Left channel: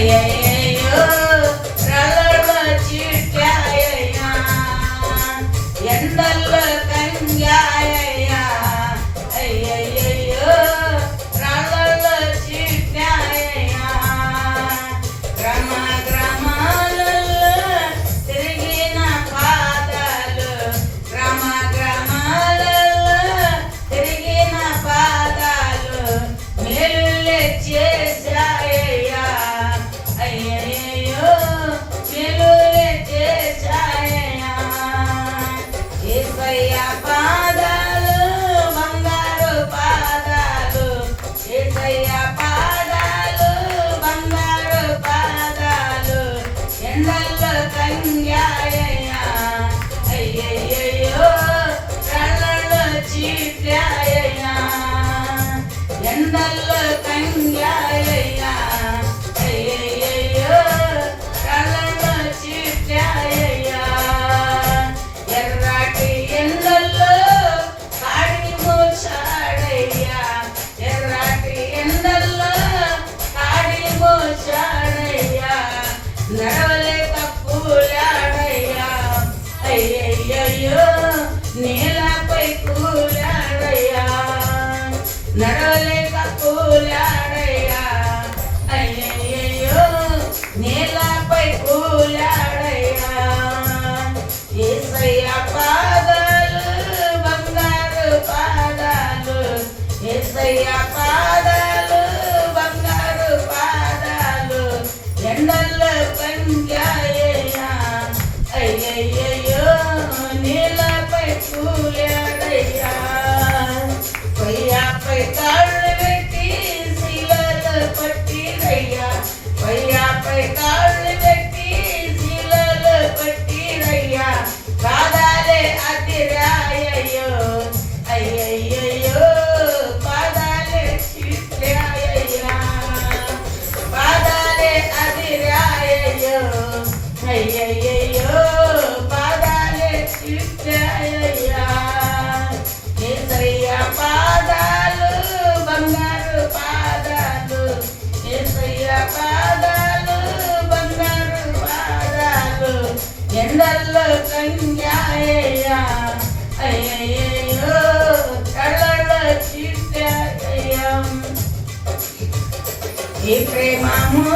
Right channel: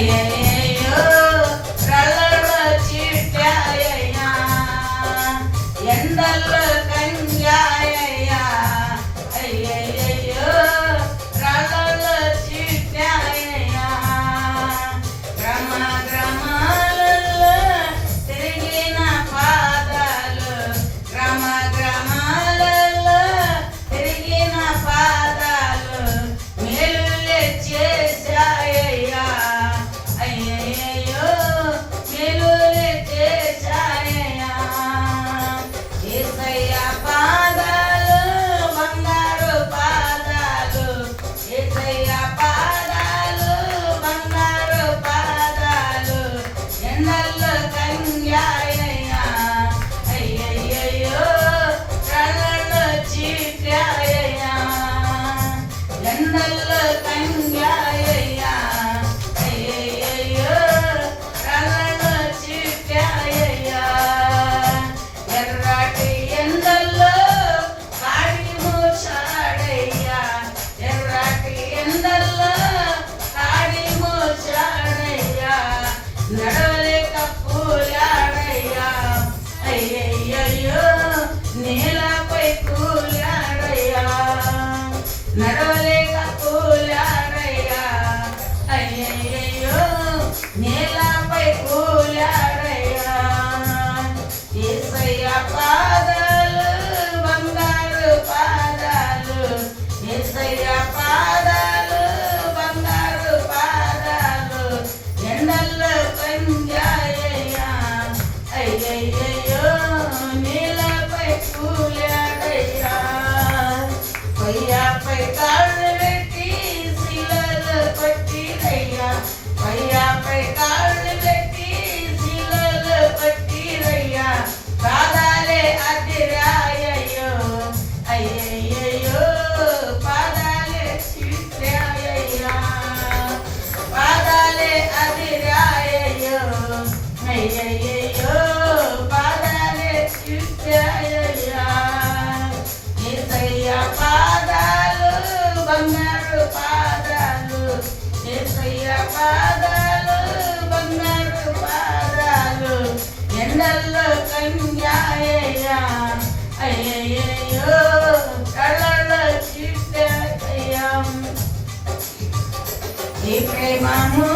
అయ్యయ్యో రళ్ళలో చిట్టాయ్యా ఎండల్లో కంగాయ్యా అయ్యయ్యో రళ్ళలో చిట్టాయ్యా గ్రామ గ్రామాలలో తిరిగిన పాదాలు గ్రామ గ్రామాలలో తిరిగిన పాదాలు మేలులే చేశాయ్యా అయ్యయ్యో మేలులే చేశాయ్యా యేసయ్య పాదాలు బంగారు పాదాలు యేసయ్య పాదాలు బంగారు పాదాలు ఎండల్లో కంగాయ్యా అయ్యయ్యో కళ్ళలో చీట్యాయ్యా ఎండల్లో కంగాయ్యా అయ్యయ్యో కళ్ళలో చీట్యాయ్యా ఎర్రటి ఎండల్లో కాడి మోచాడయ్యా ఎర్రటి ఎండల్లో కాడి మోచాడయ్యా నడవలేక పూలాడయ్యా అయ్యయ్యో నేలపై కూలాడయ్యా నడవలేక పూలాడయ్యా అయ్యయ్యో నేలపై కూలాడయ్యా యేసయ్య పాదాలు బంగారు పాదాలు యేసయ్య పాదాలు బంగారు పాదాలు ఎండల్లో కంగాయ్యా అయ్యయ్యో నీలపై కూలాడయ్యా పయ్యాపై కాళ్ళు పెట్టి శిలలో పట్టిరయ్యా పయ్యాపై కాళ్ళు పెట్టి శిలలో పట్టిరయ్యా పాదాలే అదిరాయ్యో అయ్యయ్యో పాదాలే చిట్టాయ్యా పాదాలే అదిరాయ్యో అయ్యయ్యో పాదాలే చిట్టాయ్యా యేసయ్య పాదాలు బంగారు పాదాలు యేసయ్య పాదాలు బంగారు పాదాలు ఎండల్లో కంగాయ్యా అయ్యయ్యో కళ్ళలో చిట్టాయ్యా ఈ ప్రేమము